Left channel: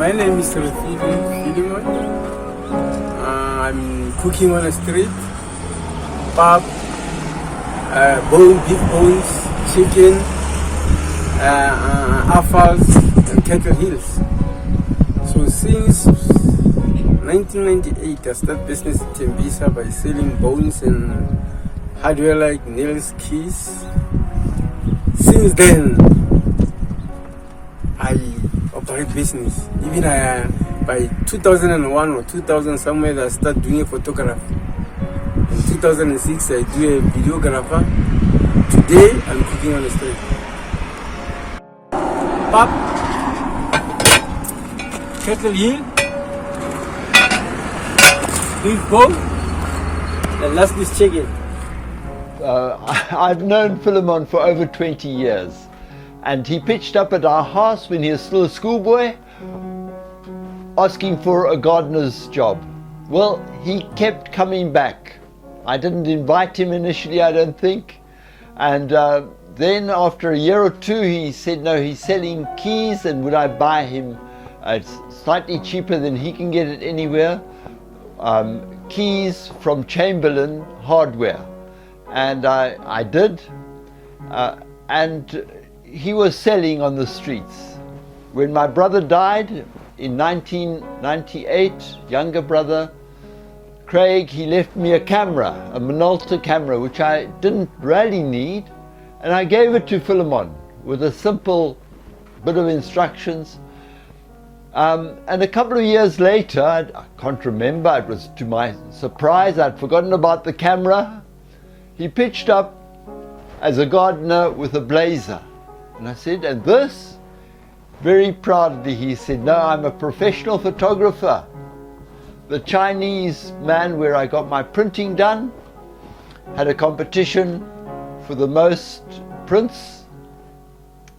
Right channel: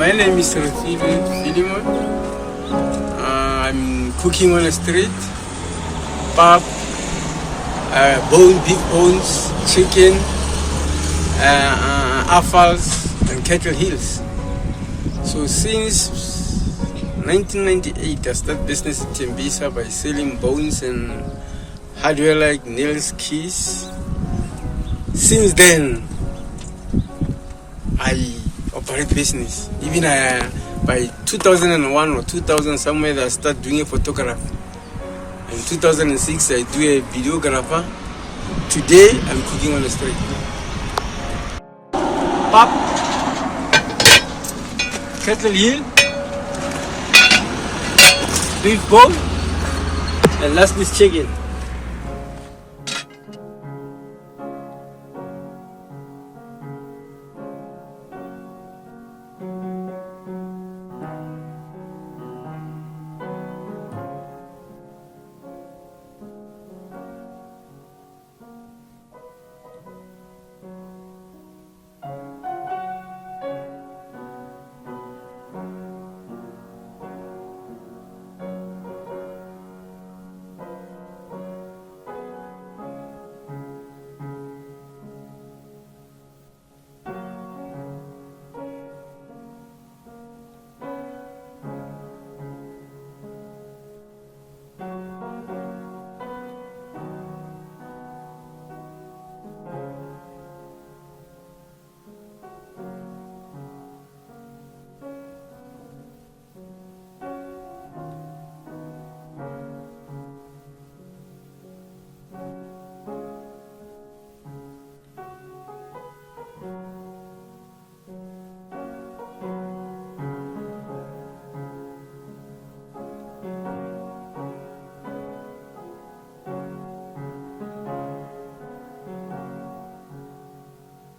My name is Philemon. I'm cooking on the street. Pap, beef bones, chicken, offals, and cattle heels. So since 1998, I started business in Tembisa by selling bones and hardware like nails, keys. Since then, I operate business. Even by 2001 or 2000 somewhere, I started doing a photography. In 2006, I do a videographer. Today, I'm cooking on the street. Pap, cattle heel, beef bone, and last is chicken. I've known Philemon for over 20 years, and he pitched up at our house when he was still a schoolboy, asking for a gardener's job. Well, he kept coming back. I didn't invite him initially, I don't think, and then after a year or two he said no, he's selling keys, and would I buy him slightly cheaper than he can get it anywhere, keys from Chamberlain Hardware. And I did, and he was selling on the streets. When my brother died in 1998, younger brother Craig, he left me a camera, a Motle camera, which I didn't really need, and I gave it to Philemon with a simple bit of instructions. And a couple of years later, I can't remember, it was to my surprise, I'd forgotten about the camera. He pitched up as a gardener with a blazer. And I said, and this? Very proudly he said, no, I'm a professional photographer. The Chinese man where I got my printing done had a competition for the most prints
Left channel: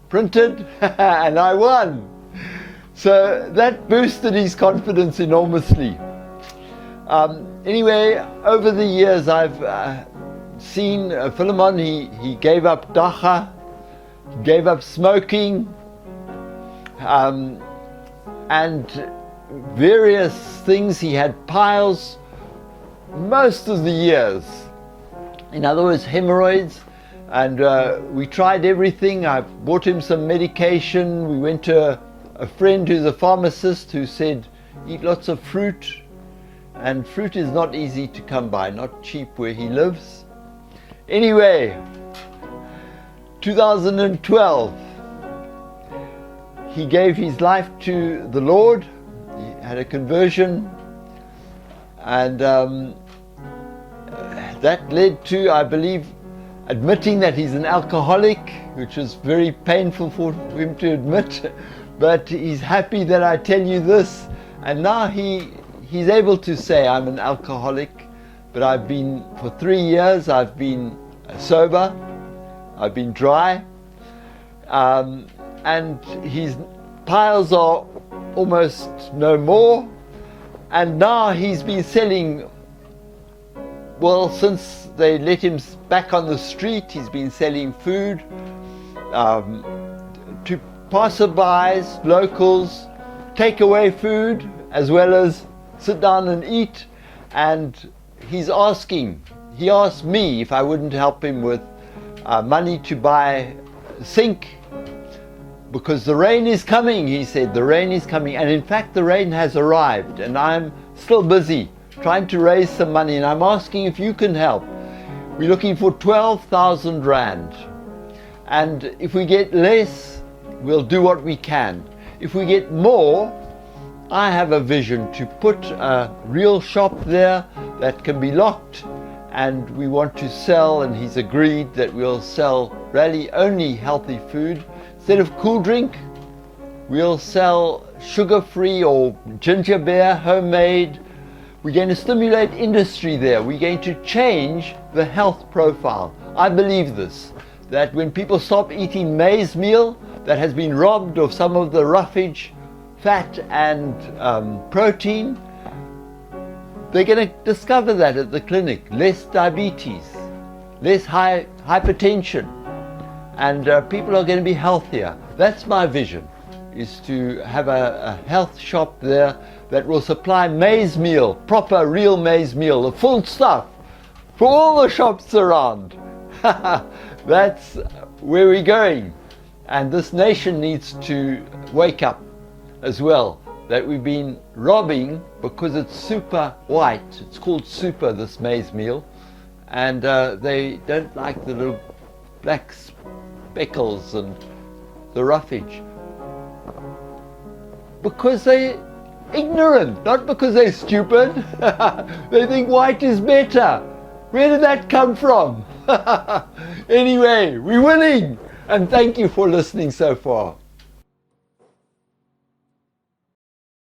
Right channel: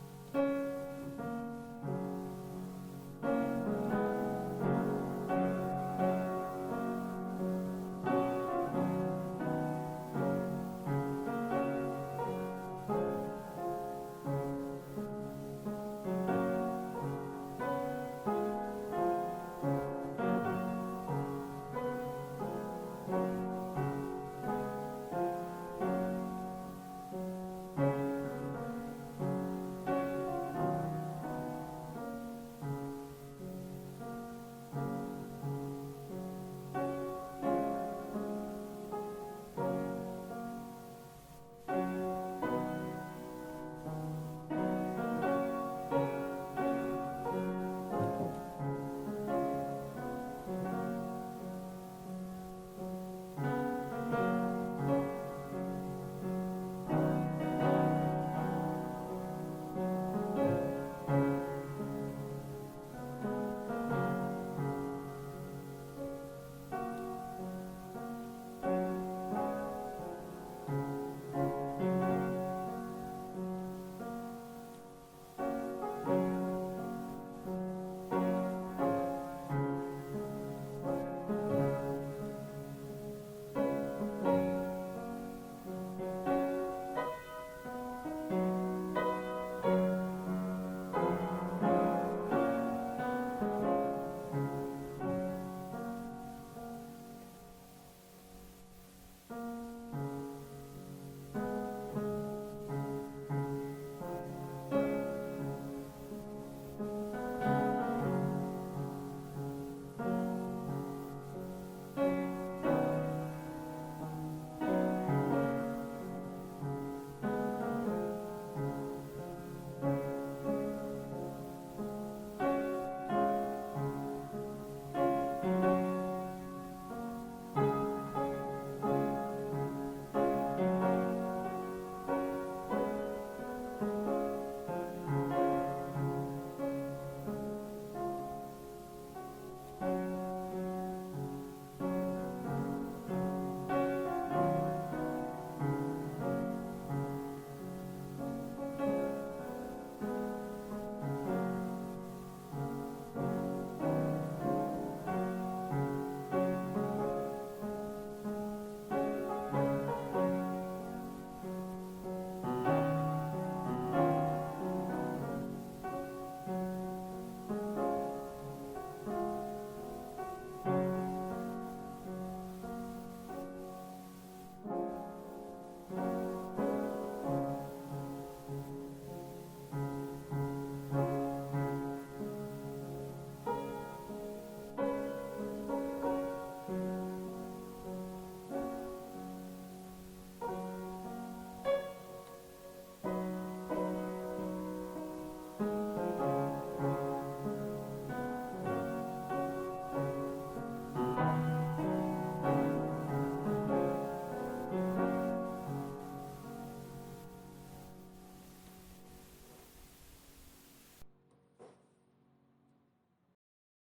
printed, and I won. So that boosted his confidence enormously. Anyway, over the years I've seen Philemon, he gave up dacha, gave up smoking, and various things. He had piles most of the years. In other words, hemorrhoids, and we tried everything. I bought him some medication. We went to a friend who's a pharmacist who said, eat lots of fruit, and fruit is not easy to come by, not cheap where he lives. Anyway, 2012, he gave his life to the Lord. He had a conversion, and that led to, I believe, admitting that he's an alcoholic, which was very painful for him to admit, but he's happy that I tell you this, and now he's able to say, I'm an alcoholic. But I've been, for 3 years, I've been sober, I've been dry, and his piles are almost no more, and now he's been selling, well, since they let him back on the street, he's been selling food to passerbys, locals, take away food, as well as sit down and eat. And he asked me if I wouldn't help him with money to buy a sink, because the rain is coming. He said the rain is coming, and in fact the rain has arrived, and I'm still busy trying to raise some money, and I'm asking if you can help. We're looking for 12,000 rand, and if we get less, we'll do what we can. If we get more, I have a vision to put a real shop there that can be locked, and we want to sell, and he's agreed that we'll sell really only healthy food. Instead of cool drink, we'll sell sugar-free or ginger beer, homemade. We're going to stimulate industry there. We're going to change the health profile. I believe this, that when people stop eating maize meal that has been robbed of some of the roughage, fat and protein, they're going to discover that at the clinic. Less diabetes, less hypertension, and people are going to be healthier. That's my vision. is to have a health shop there that will supply maize meal, proper real maize meal, the full stuff, for all the shops around. That's where we're going. And this nation needs to wake up as well, that we've been robbing because it's super white. It's called super, this maize meal. And they don't like the little black speckles and the roughage. Because they're ignorant, not because they're stupid. They think white is better. Where did that come from? Anyway, we're winning. And thank you for listening so far.